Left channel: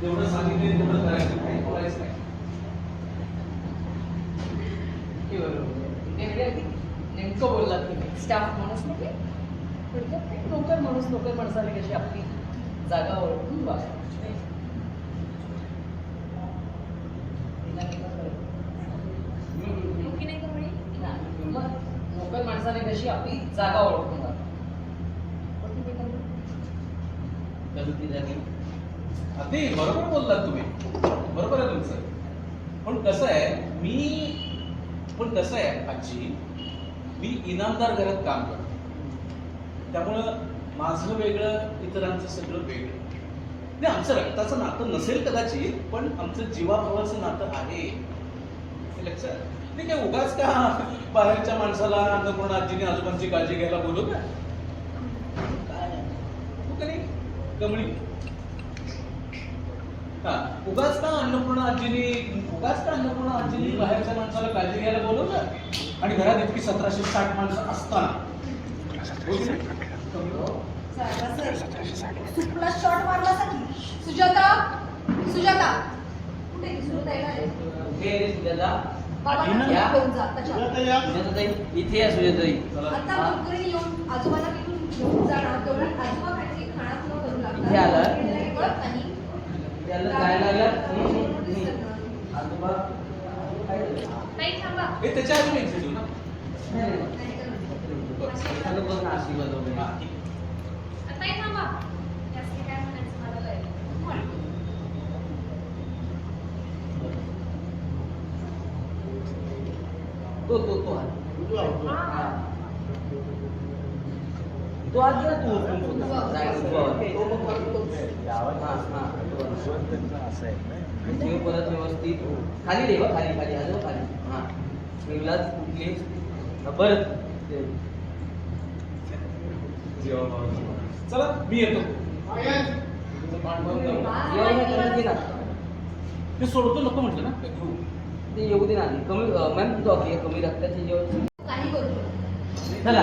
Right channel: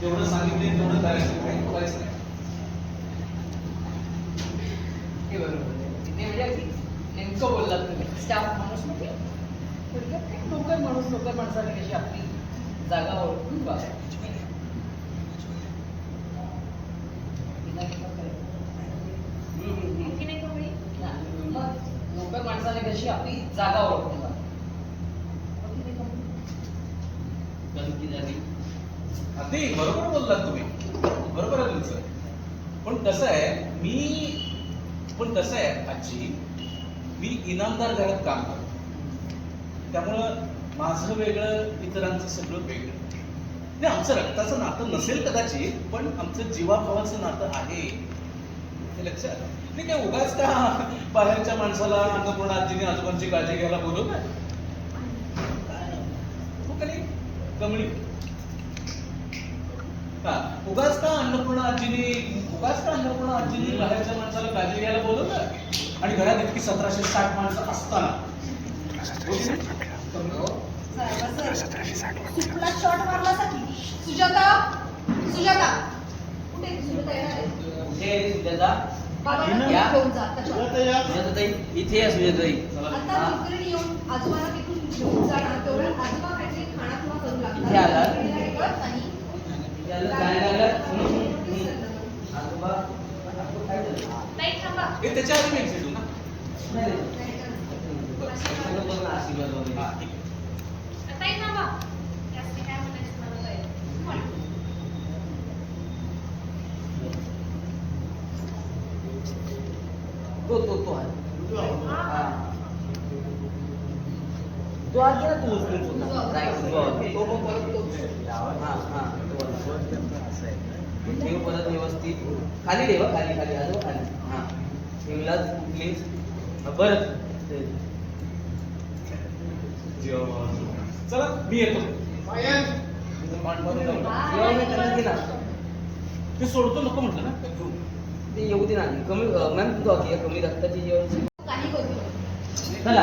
जेवढं सांगितलं तेवढं करायचं. काही बोलायचं नाही. हे बरोबर आहे. ते म्हणजे नेमकं बोललात तुम्ही. स्टाफ माणूस नको थोडक्यात नोकर माणूस नोकर माणसाने कशी आपली जागा ओळखून वागायची. नोकर माणसाने कशी आपली जागा ओळखून वागायची. कवळी? अगदी बरोबर बोललात तुम्ही. बरोबर आहे तुमचं. पण कसं आहे मी पण कसं आहे आजी मी इनामदार घरात काम करतो. त्यामुळं माझं वेगळं इतरांचं सगळं वेगळं. नाही आमचं रक्ताचं नातं नसेल कदाचित पण आमचं जीवाभावाचं नातं आहे. हे लक्षात? नाही काय उगाच का बाहेरच्या माणसाला अन्नपूर्ण आजीने आजोबांची काळजी घ्यायला बोलवलं? काय? हो का? उगाच का अन्नपूर्णा आजीने उगाच का अन्नपूर्णा आजीने बाहेरच्या माणसाला काळजी घ्यायला बोलवलं. आणि घरात इतकी सतराशे साठ माणसं असताना. शॉट मारला सकी सुजाता सुजाता. कुठे? सुजाता येणार. इथे या. सुजाताई चला. आता येऊन आजोबाला तिथून घेऊन जाणार. तेवढ्यात आजोबा काहीतरी खाना खुणा करू इथे आला. लागतात आणि याला जायला हे त्याच्या आधी मी होऊ ना. त्याला आशीर्वाद वगैरे. हा, ठीक आहे. ताई थांबा जास्त काय म्हणायचं मला कळेल तो तो तो हा. तो आज गेला तू उचलून होता. तो मग परत तो हा हा ठेव परत व्यवस्थित खाली रे खाली खाली आजोबा खाली हा ठेवलाच कुठलीच बरं चला मी येतो ते सोडतो नको म्हटलं ना ते येऊ दे ना कमी मॅम तुझं कमी रक्ताची जेवण काही करू चला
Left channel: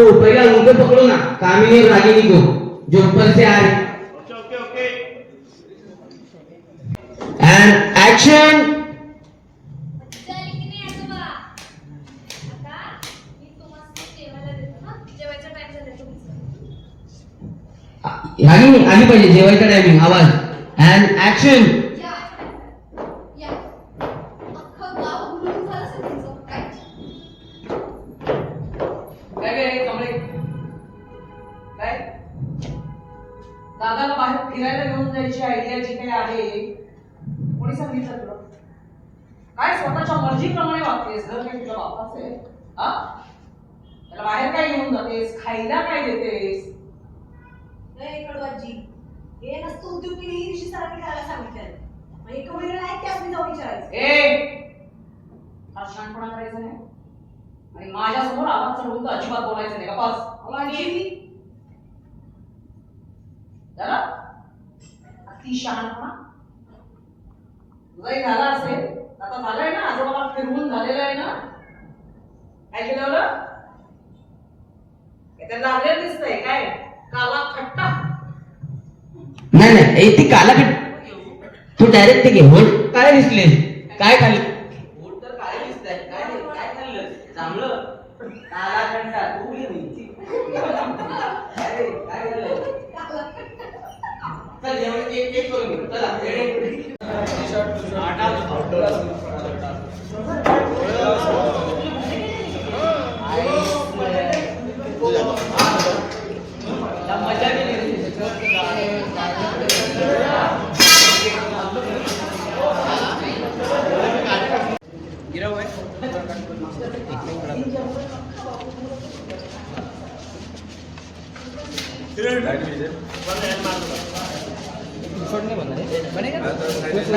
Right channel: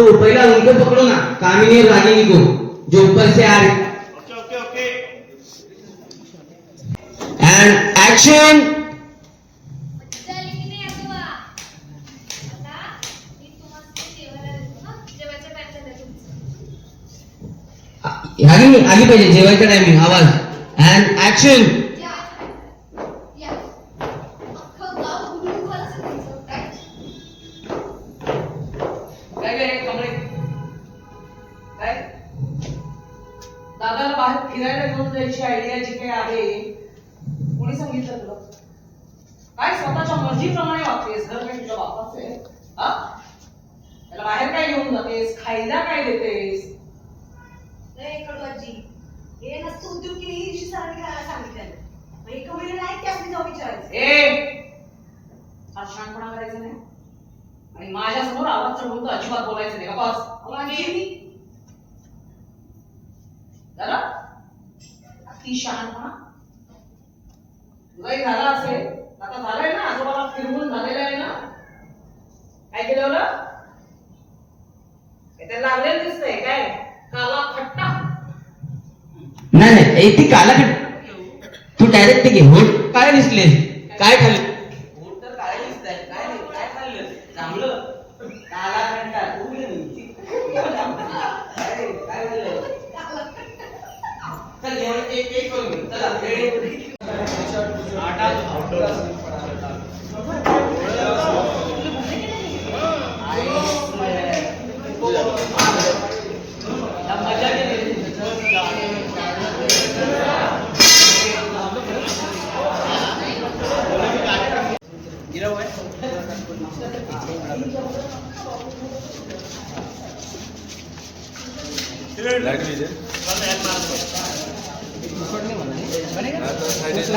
वो पहला उनको पकड़ो ना. कामिनी और रागिनी को जो ऊपर से आ रहे एंड एक्शन रागिनी आली पाहिजे जेवायचा टायमिंग आवाज. एंड एक्शन दादाला बाहेर फिरायला घेऊन जायची आयडिया जी काही आहे कोणी सांगितलं तुला? काय स्वतःच्या मर्जीप्रमाणे वागतेस घर काही तुझ्या बापाचं? आहे हा? त्याला बाहेर काय घेऊन जातेस? खायला काय देतेस? कडवाजी. हे नसतं उद्योग केली ही दिवशी सरांनी करायला सांगितलं एका मुलीला नाही त्याच मी जाऊन विचारायचं? ए! हा शहाणपणा करायचा नाही? आणि माझ्यासमोर आवाज चढवून तर अजिबात बोलायचं नाही का बस. आजी झालं? अति शहाणपणा तुझाही झाला असेल आता झालंय ना आजोबाला फिरवून झालेलं आहे ना? काय केलं बरं? काय त्याला लागलेलं दिसतंय काय? काला खट्टा नाही नाही ती कालाकट तू डायरेक्ट घे होट काय दिसले काय? खाल्ले? पोट तर काळे दिसतंय. काय नाही, काय खाल्लं? चांगलं काला खट्टा तू गेली अरे काय झालं चल जेवण एक एक करून घेऊ चला रेडी मजा केली लाइट गेली.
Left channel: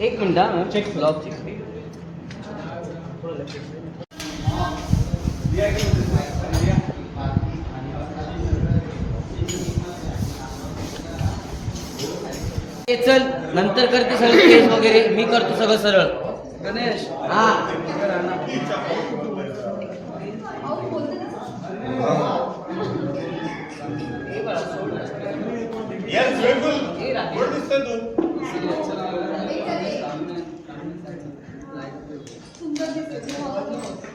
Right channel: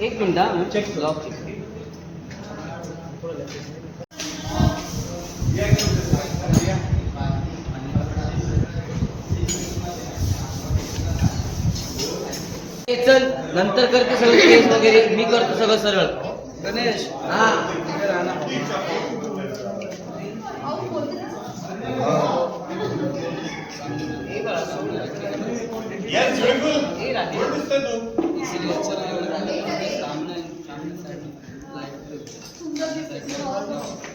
मिनिट हा चेक ब्लॉक चेक चल नंतर करते सगळं केस वगैरे. मी करतो सगळं सरळ. गणेश. हा. बोलते ना हे बाळा सोड हे राहते सुंदर दिसते आहेस तू वापस आला. तू तर माझं ठीक आहे. आई जन्मपणी दिलाय मी दिलाय वरती ठेवला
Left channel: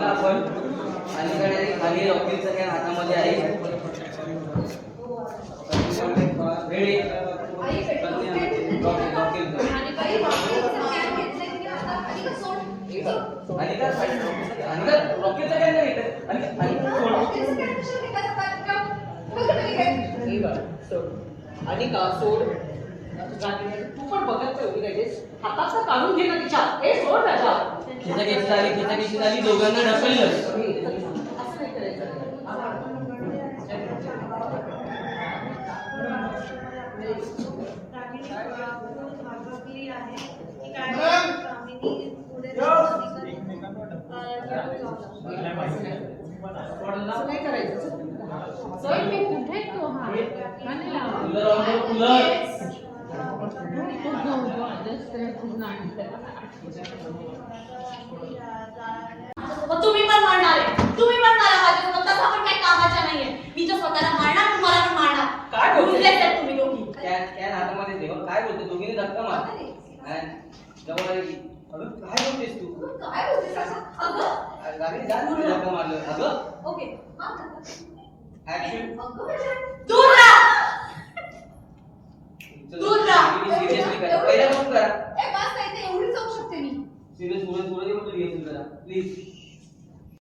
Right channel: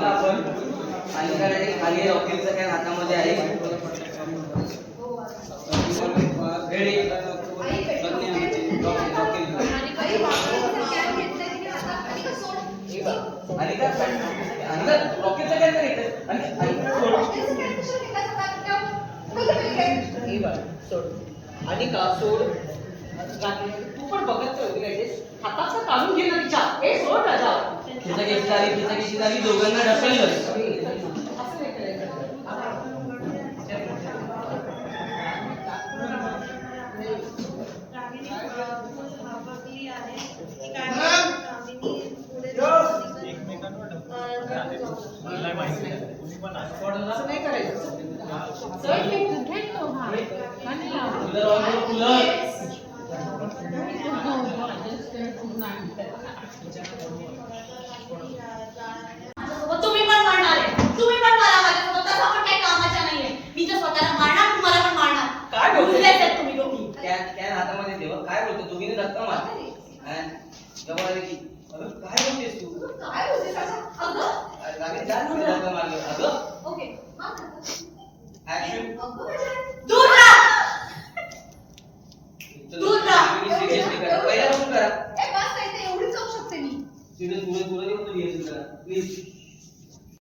आपण अलीकडे खाली रॉकेलचं काय हातामध्ये आहे. हे सोड. आणि का सोड. तू पण बघत काय तेच हाताचा काढून घे ना तिच्या. हे सोड राजा. खिचाखिची झाली खिचाखिची झाली दोघांना ढकललं. असं नाही करायचं चल हे कुठे तो हा का नाही लावला? कूलर ऑन कर कूलर माझ्यासोबत तुम्ही पण मारणार आहे. तुम्ही पण मारा माझ्यासोबत. तसं पण काही कामाच्या नाहीये. मी तर स्वतःला मारणार तुम्हाला पण मारणार. काय बोलते? तुम्ही दोघी. कॅन कॅन हातामध्ये ठेव काय बोलतो? दोघीने धक्का मार जवळ आले की अगं काय बोलतेस तू? काय बोलतेस? असं? अगं ओके. दूर दूर एवढीच जाऊ शकते मी. Serious please